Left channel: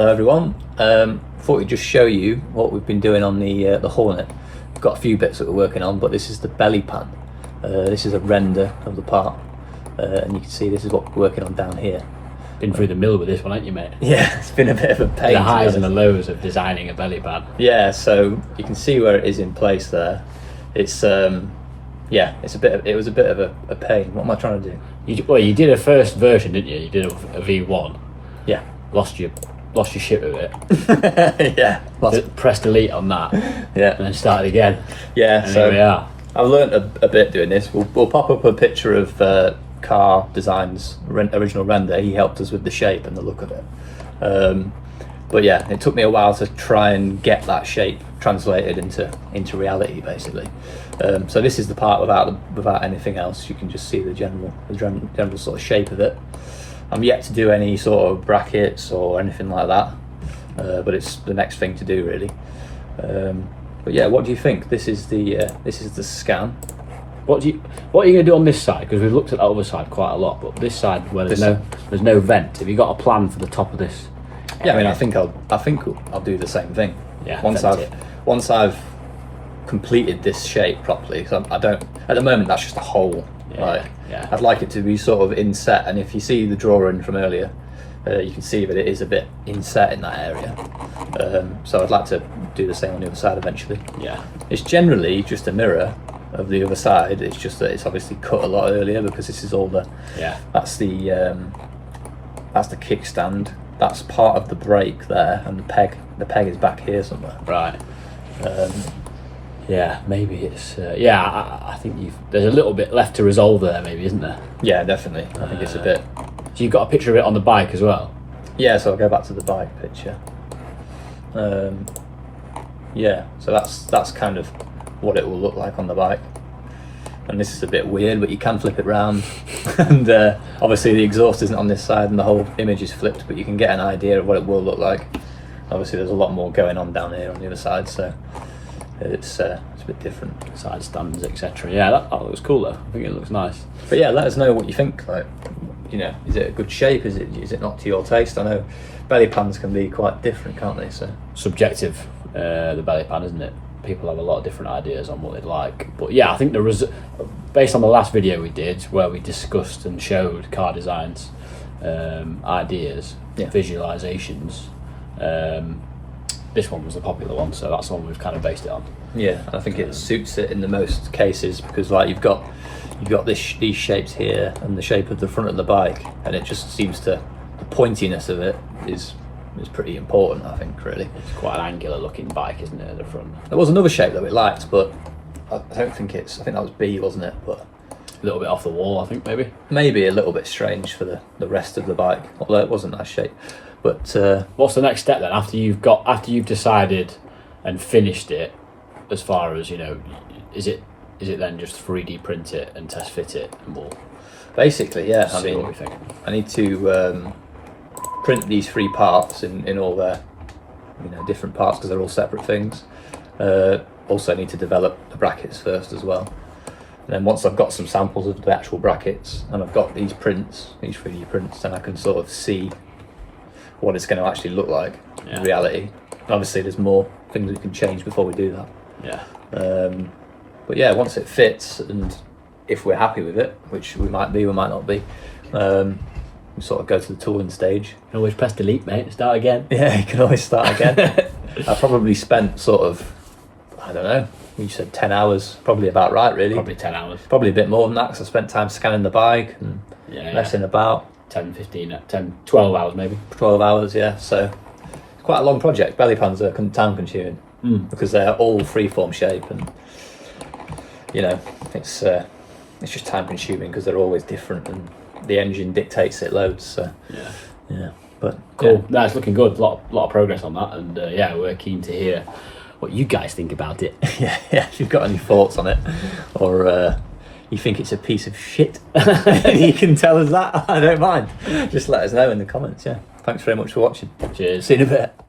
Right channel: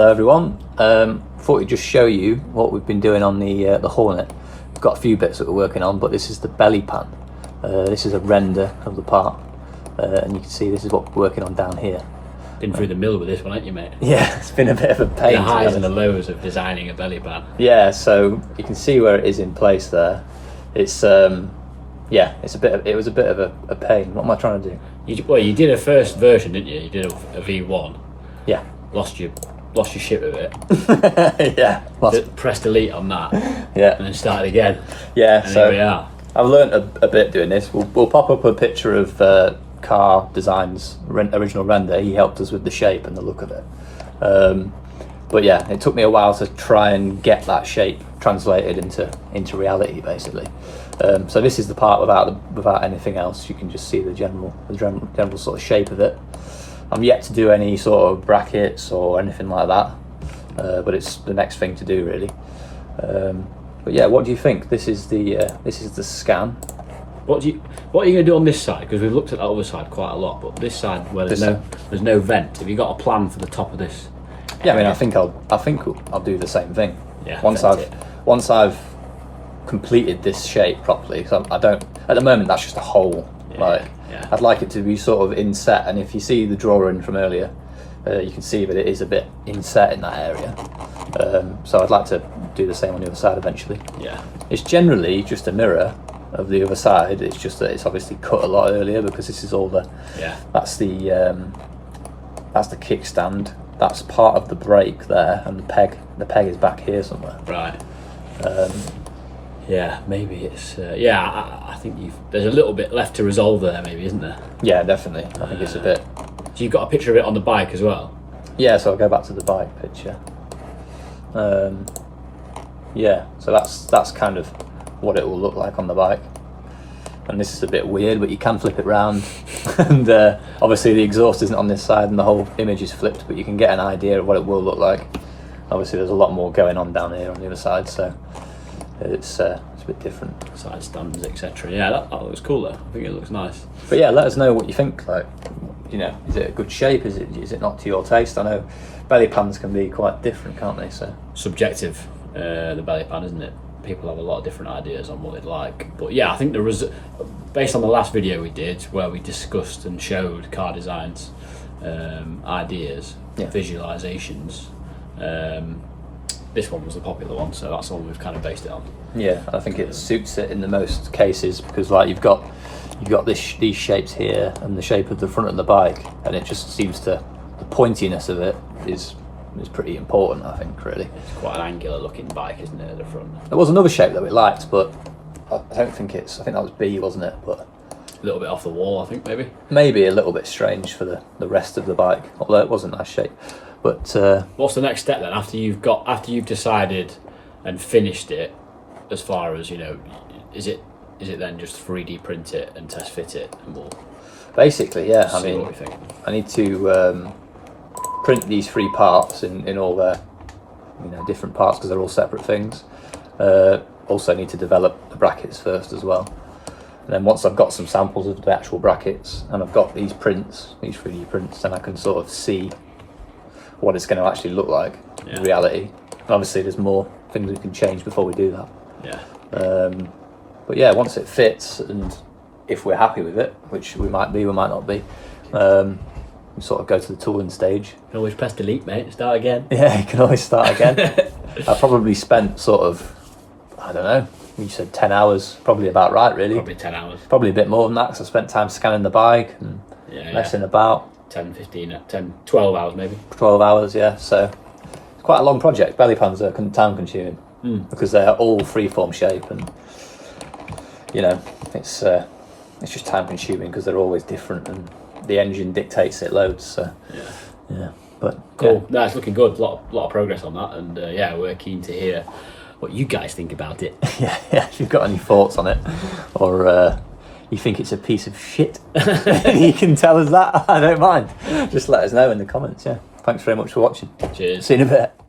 Hello everyone. Thought we'd just show you what we've been doing on the Hornet. We've got a few bits that we're working on, but this is the belly pan. This is a render of the part, and you can see this is what we're working on down here. Been through the mill with this one, ain't you, mate? Yeah, it's been a bit of a pain. The highs and the lows of designing a belly pan. Yeah, so you can see where it is in place there. It's yeah, it was a bit of a pain. What am I trying to do? You did a first version, didn't you? You did a V1. Yeah. Lost your shit with it. Yeah. Pressed delete on that. Yeah. And then started again. Yeah. And So here we are. I've learnt a bit doing this. We'll pop up a picture of Car Design's original render. He helped us with the shape and the look of it. But yeah, it took me a while to try and get that shape translated into reality, basically. So this is the part without anything else. You can just see the general sort of shape of it. I'm yet to do any sort of brackets or anything like that, but it's the next thing to do, really. But yeah, what do you think? This is the scan. What are you going to do on this side? Because we've looked at that other side quite a lot, but this side where there's no vent. Have you got a plan for the top of this? Yeah, I mean, I think I'll do the same thing. Yeah. Once I've completed this shape properly. So I don't. At the moment, that's just a hole. Yeah. I'd like it to be sort of inset, and if you see the drawing from earlier, you can see that it is a bit inset in that area. So I'd like to do the same on the other side eventually. Yeah. It's generally just a mirror of the other side. It's just that it's obviously cut a lot earlier because this is all the. Yeah. That's the kickstand. That's part of the brake there, and the peg is back here somewhere. Right. Yeah, maybe it's I think there's a little bit left to resolve there, maybe, isn't there? Yeah, definitely. I think it's a bit. So you've got a picture of it on the bike as well? Yeah, so I'll go back to the bike picture. Yeah, so that's kind of what it will look like on the bike. And this is a bit weird, but you can flip it round. And obviously the exhaust isn't on this side and the whole image is flipped, but you can get an idea of what it will look like. Obviously there's a lot more going on down here on the other side, so it's a bit different. Side stands, etc. Yeah, that looks cool though. I think it looks nice. But yeah, let us know what you think. Like, you know, is it a good shape? Is it not to your taste? I know belly pans can be quite different, can't they? So subjective, the belly pan, isn't it? People have a lot of different ideas on what they'd like. But yeah, I think based on the last video we did where we discussed and showed Car Design's ideas, visualizations, this one was the popular one, so that's the one we've kind of based it on. Yeah, I think it suits it in the most cases because, like, you've got these shapes here and the shape of the front of the bike, and it just seems the pointiness of it is pretty important, I think, really. It's quite an angular looking bike, isn't it, at the front? There was another shape that we liked, but I think that was B, wasn't it? But a little bit off the wall, I think, maybe. Maybe a little bit strange for the rest of the bike, although it was a nice shape. But what's the next step then after you've decided and finished it? As far as, you know, is it then just 3D print it and test fit it, and we'll basically, yeah. I see mean, what we think. I need to print these 3 parts in all their, you know, different parts because they're all separate things. Also need to develop the brackets first as well. And then once I've got some samples of the actual brackets and I've got these 3D prints, then I can sort of see what it's going to actually look like in reality. And obviously there's more things we can change before we do that. Yeah. But yeah, once it fits and if we're happy with it, which we might be, we might not be, we sort of go to the tooling stage. You can always press delete, mate, start again. Yeah, you can always start again. I probably spent sort of, I don't know, you said 10 hours, probably about right, really. Probably 10 hours. Probably a bit more than that because I spent time scanning the bike and messing about. 10, 15, 10, 12 hours maybe. 12 hours, yeah. So it's quite a long project. Belly pans are time consuming because they're all freeform shape, and you know, it's just time consuming because they're always different and the engine dictates it loads. So yeah. But cool. No, it's looking good. A lot of progress on that, and we're keen to hear what you guys think about it. yeah. If you've got any thoughts on it, or you think it's a piece of shit, you can tell us that. I don't mind. Just let us know in the comments. Yeah. Thanks very much for watching. Cheers. See you in a bit.